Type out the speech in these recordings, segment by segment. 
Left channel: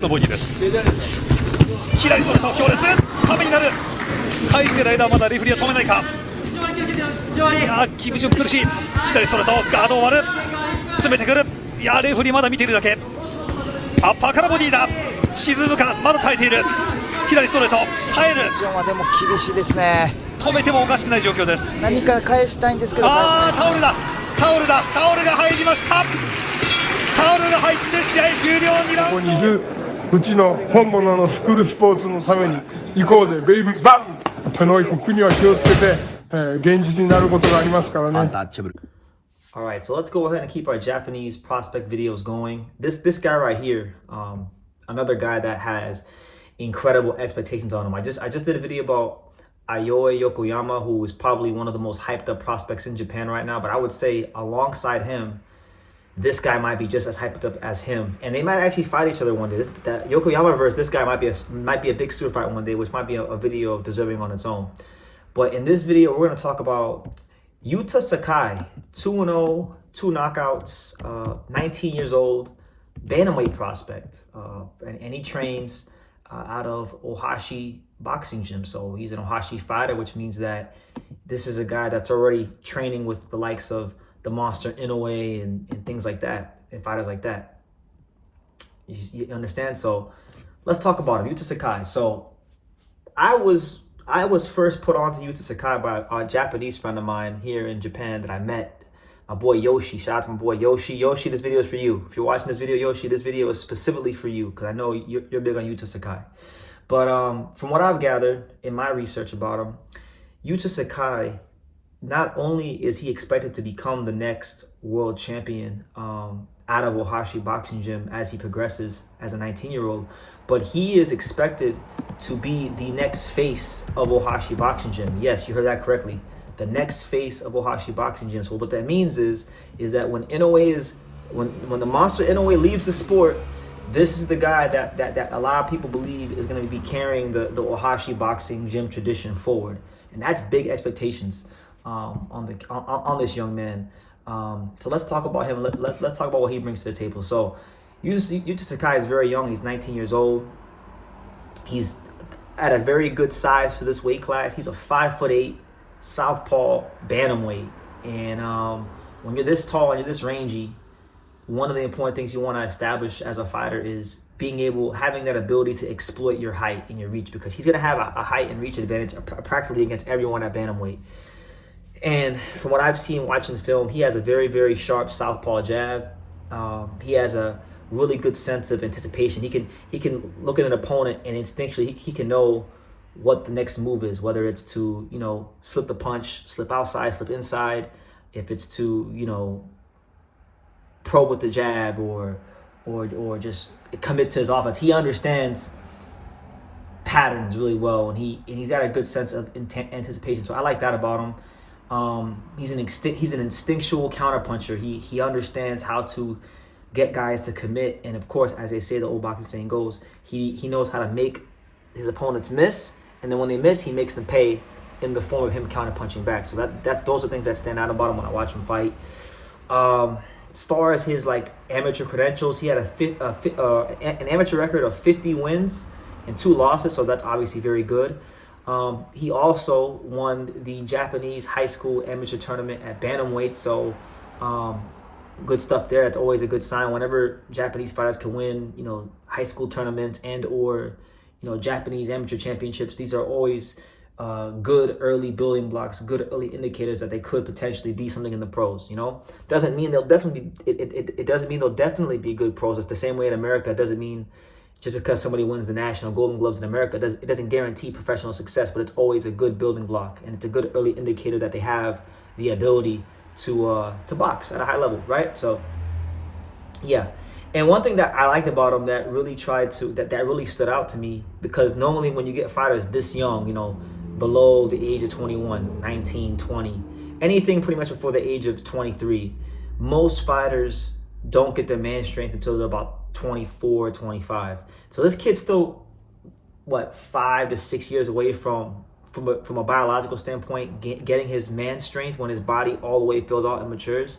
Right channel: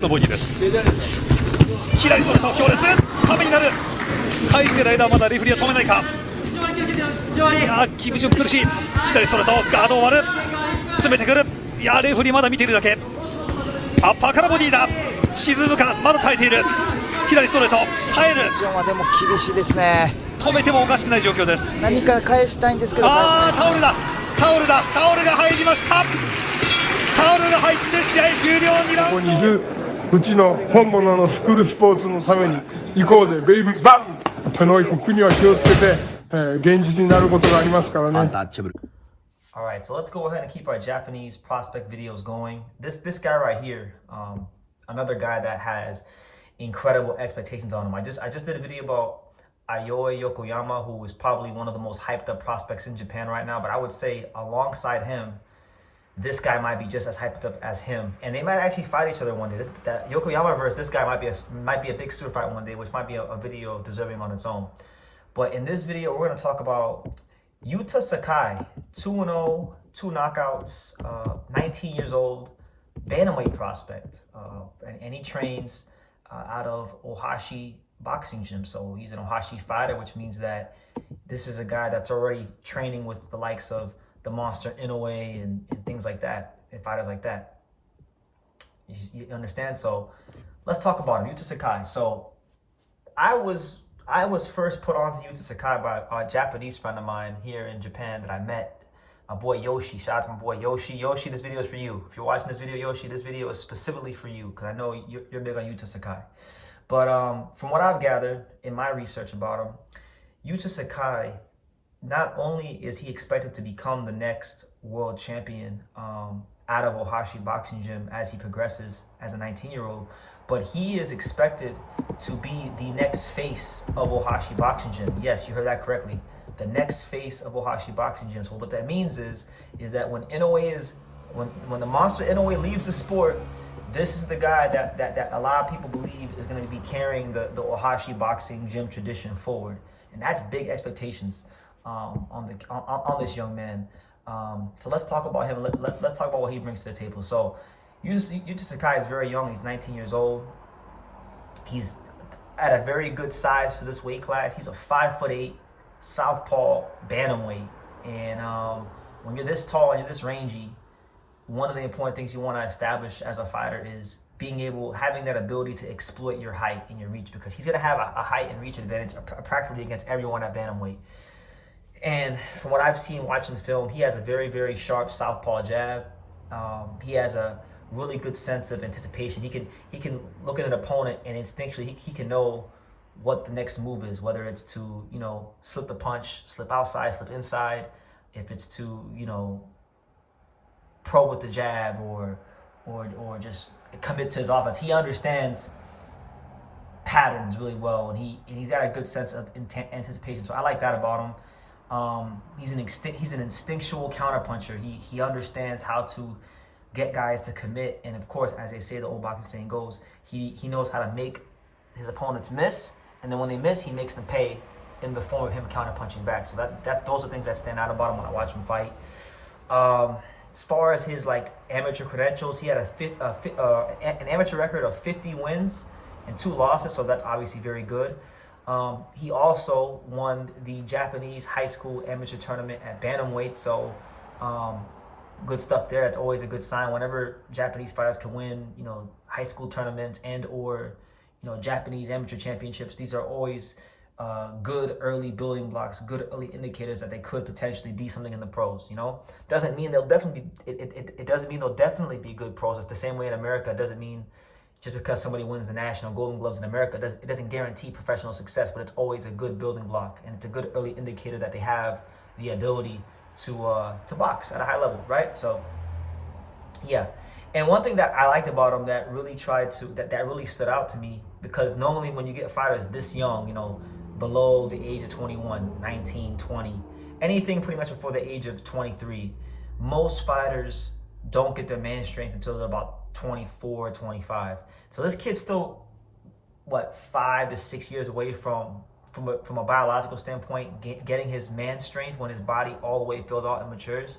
のボディです。左それと強烈壁になる。返してる間はまだレフェリーは止めないか。いやキム・ジュン苦しい。左それとガードを割る。詰めてくる。いやレフェリーまだ見ているだけ。アッパーからボディだ。沈むか。まだ耐えている。左ストレート耐える。ジョンはでも厳しいですね。止めてもおかしくない状況です。何か返したいんですけど、タオルだタオルだタオルが入りました。タオルが入って試合終了。2ラウンド。ここにいるうちの本物のスクールスポーツのために行こうぜベイビーバン。手の国には気をつけて、現実になることがありますからね。Alright, so let's go ahead and keep our Japanese prospect videos going. This guy right here, another guy that has incredible expectations on him. I just did a video about Inoue Yokoyama, who is probably one of the most hyped up prospects in Japan right now. But I would say alongside him, this guy might be just as hyped up as him, and they might actually fight each other one day. That Yokoyama versus this guy might be a big super fight one day, which might be a video deserving on its own. But in this video, we're going to talk about Yuta Sakai, 2-0, 2 knockouts, 19 years old, bantamweight prospect, and he trains out of Ohashi boxing gym. So he's an Ohashi fighter, which means that this is a guy that's already training with the likes of the monster Inoue and things like that, and fighters like that. You understand? So let's talk about him, Yuta Sakai. So I was first put on to Yuta Sakai by a Japanese friend of mine here in Japan that I met, my boy Yoshi. Shout out to my boy Yoshi. Yoshi, this video is for you. If you're watching this video, Yoshi, this video is specifically for you because I know you're big on Yuta Sakai. But from what I've gathered in my research about him, Yuta Sakai, not only is he expected to become the next world champion out of Ohashi boxing gym as he progresses as a 19-year-old, but he is expected to be the next face of Ohashi boxing gym. Yes, you heard that correctly. The next face of Ohashi boxing gym. So what that means is that when the monster Inoue leaves the sport, this is the guy that a lot of people believe is going to be carrying the Ohashi boxing gym tradition forward, and that's big expectations on this young man. So let's talk about him. Let's talk about what he brings to the table. So Yuta Sakai is very young. He's 19 years old. He's at a very good size for this weight class. He's a 5'8" southpaw bantamweight. And when you're this tall and you're this rangy, one of the important things you want to establish as a fighter is having that ability to exploit your height and your reach, because he's going to have a height and reach advantage practically against everyone at bantamweight. And from what I've seen watching the film, he has a very, very sharp southpaw jab. He has a really good sense of anticipation. He can look at an opponent and instinctually he can know what the next move is, whether it's to, slip the punch, slip outside, slip inside, if it's to, probe with the jab or just commit to his offense. He understands patterns really well, and he's got a good sense of anticipation. So I like that about him. He's an instinctual counterpuncher. He understands how to get guys to commit, and of course, as they say, the old boxing saying goes, he knows how to make his opponents miss, and then when they miss, he makes them pay in the form of him counterpunching back. So those are things that stand out about him when I watch him fight. As far as his amateur credentials, he had an amateur record of 50 wins and 2 losses, so that's obviously very good. He also won the Japanese high school amateur tournament at bantamweight, so good stuff there. That's always a good sign whenever Japanese fighters can win, high school tournaments and or Japanese amateur championships. These are always good early building blocks, good early indicators that they could potentially be something in the pros. Doesn't mean they'll definitely be. It doesn't mean they'll definitely be good pros. It's the same way in America. It doesn't mean just because somebody wins the national Golden Gloves in America, it doesn't guarantee professional success, but it's always a good building block, and it's a good early indicator that they have the ability to box at a high level, right? So, yeah. And one thing that I liked about him that really that really stood out to me, because normally when you get fighters this young, below the age of 21, 19, 20, anything pretty much before the age of 23, most fighters don't get their man strength until they're about 24, 25. So this kid's still, 5 to 6 years away from a biological standpoint, getting his man strength when his body all the way fills out and matures.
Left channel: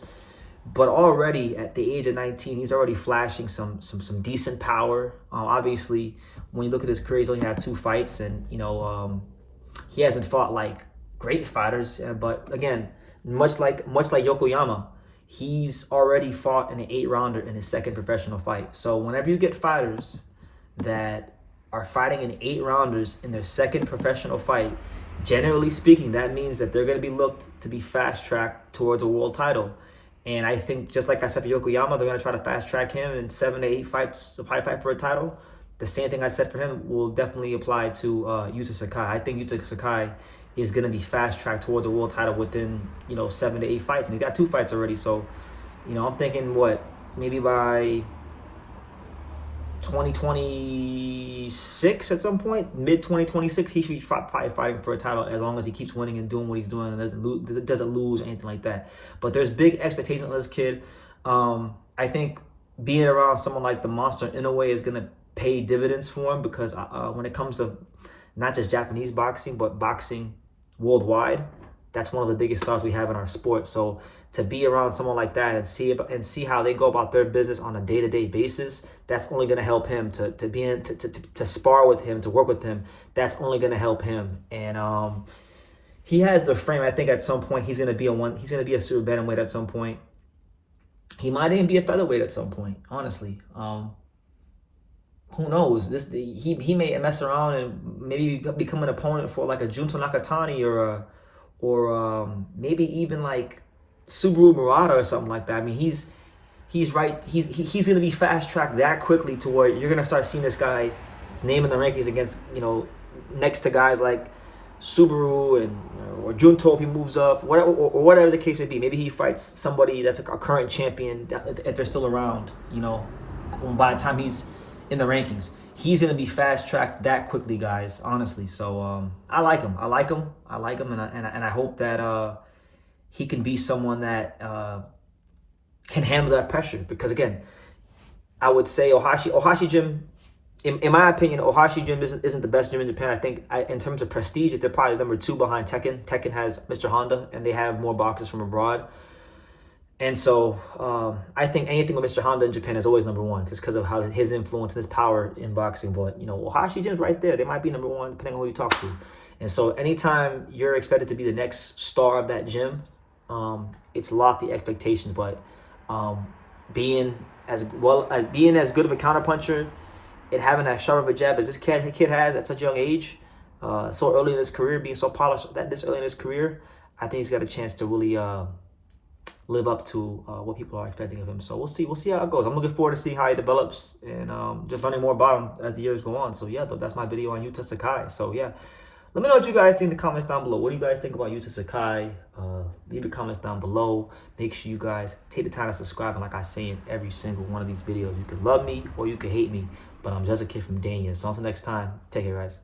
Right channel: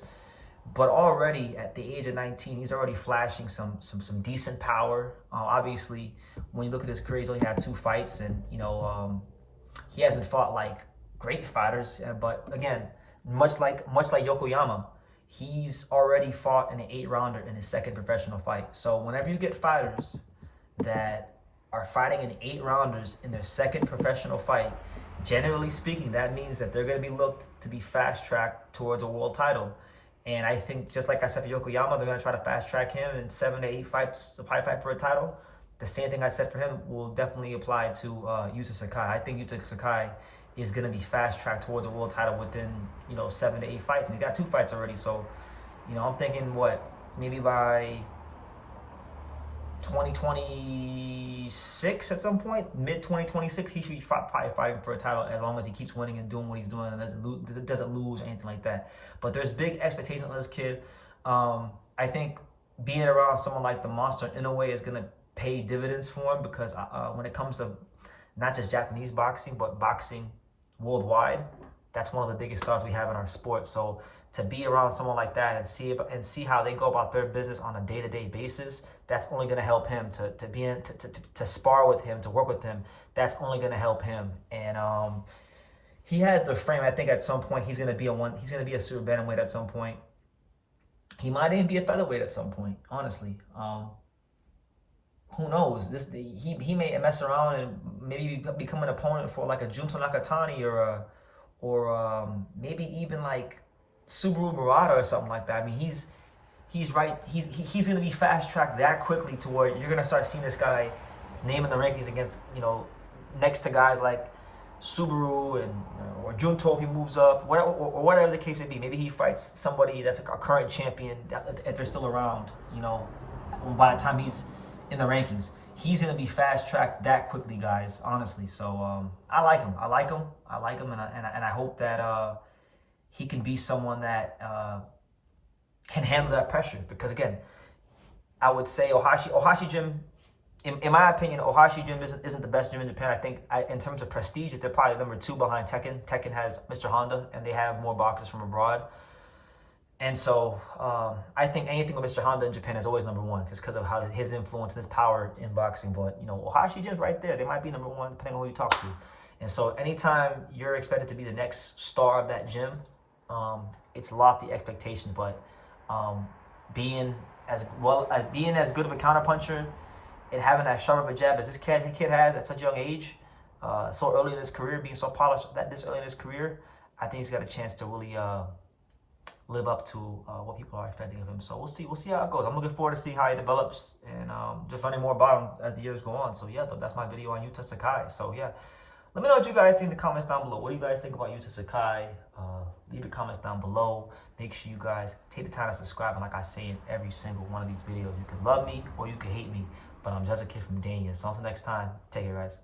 But already at the age of 19, he's already flashing some decent power. Obviously, when you look at his career, he's only had 2 fights, and he hasn't fought like great fighters. But again, much like Yokoyama, he's already fought in an 8-rounder in his second professional fight. So whenever you get fighters that are fighting in 8-rounders in their second professional fight, generally speaking, that means that they're going to be looked to be fast-tracked towards a world title. And I think, just like I said for Yokoyama, they're going to try to fast-track him in 7 to 8 fights, a fight for a title. The same thing I said for him will definitely apply to Yuta Sakai. I think Yuta Sakai is going to be fast-tracked towards a world title within, 7 to 8 fights. And he got 2 fights already. So, I'm thinking, maybe by 2026 at some point, mid-2026, he should be probably fighting for a title as long as he keeps winning and doing what he's doing and doesn't lose or anything like that. But there's big expectations on this kid. I think being around someone like the monster Inoue is going to pay dividends for him, because when it comes to not just Japanese boxing, but boxing worldwide, that's one of the biggest stars we have in our sport. So to be around someone like that and see how they go about their business on a day-to-day basis, that's only going to help him to spar with him, to work with him. That's only going to help him. And he has the frame. I think at some point he's going to be a super bantamweight at some point. He might even be a featherweight at some point, honestly. Who knows? He may mess around and maybe become an opponent for like a Junto Nakatani or maybe even like Subaru Murata or something like that. I mean, he's right. He's going to be fast tracked that quickly to where you're going to start seeing this guy's name in the rankings against, next to guys like Subaru or Junto if he moves up, whatever the case may be. Maybe he fights somebody that's a current champion if they're still around. By the time he's in the rankings, he's going to be fast tracked that quickly, guys. Honestly, so I like him. And I hope that he can be someone that can handle that pressure. Because again, I would say Ohashi gym, in my opinion, Ohashi gym isn't the best gym in Japan. I think in terms of prestige, they're probably number 2 behind Tekken. Tekken has Mr. Honda, and they have more boxers from abroad. And so I think anything with Mr. Honda in Japan is always number 1, because of how his influence and his power in boxing. But Ohashi gym's right there. They might be number 1 depending on who you talk to. And so anytime you're expected to be the next star of that gym, it's lofty expectations. But being as good of a counterpuncher and having that sharp of a jab as this kid has at such a young age, so early in his career, being so polished this early in his career, I think he's got a chance to really live up to what people are expecting of him. So we'll see how it goes. I'm looking forward to see how he develops and just learning more about him as the years go on. So yeah, that's my video on Yuta Sakai. So yeah, let me know what you guys think in the comments down below. What do you guys think about Yuta Sakai? Leave your comments down below. Make sure you guys take the time to subscribe. And like I say in every single one of these videos, you can love me or you can hate me, but I'm just a kid from Dania. So until next time, take care, guys.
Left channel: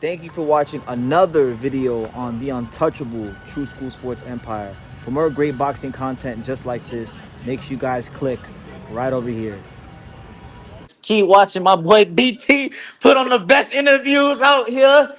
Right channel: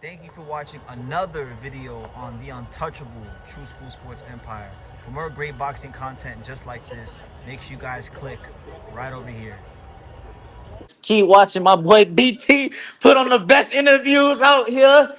Thank you for watching another video on the untouchable True School Sports Empire. For more great boxing content just like this, make sure you guys click right over here. Keep watching my boy BT put on the best interviews out here.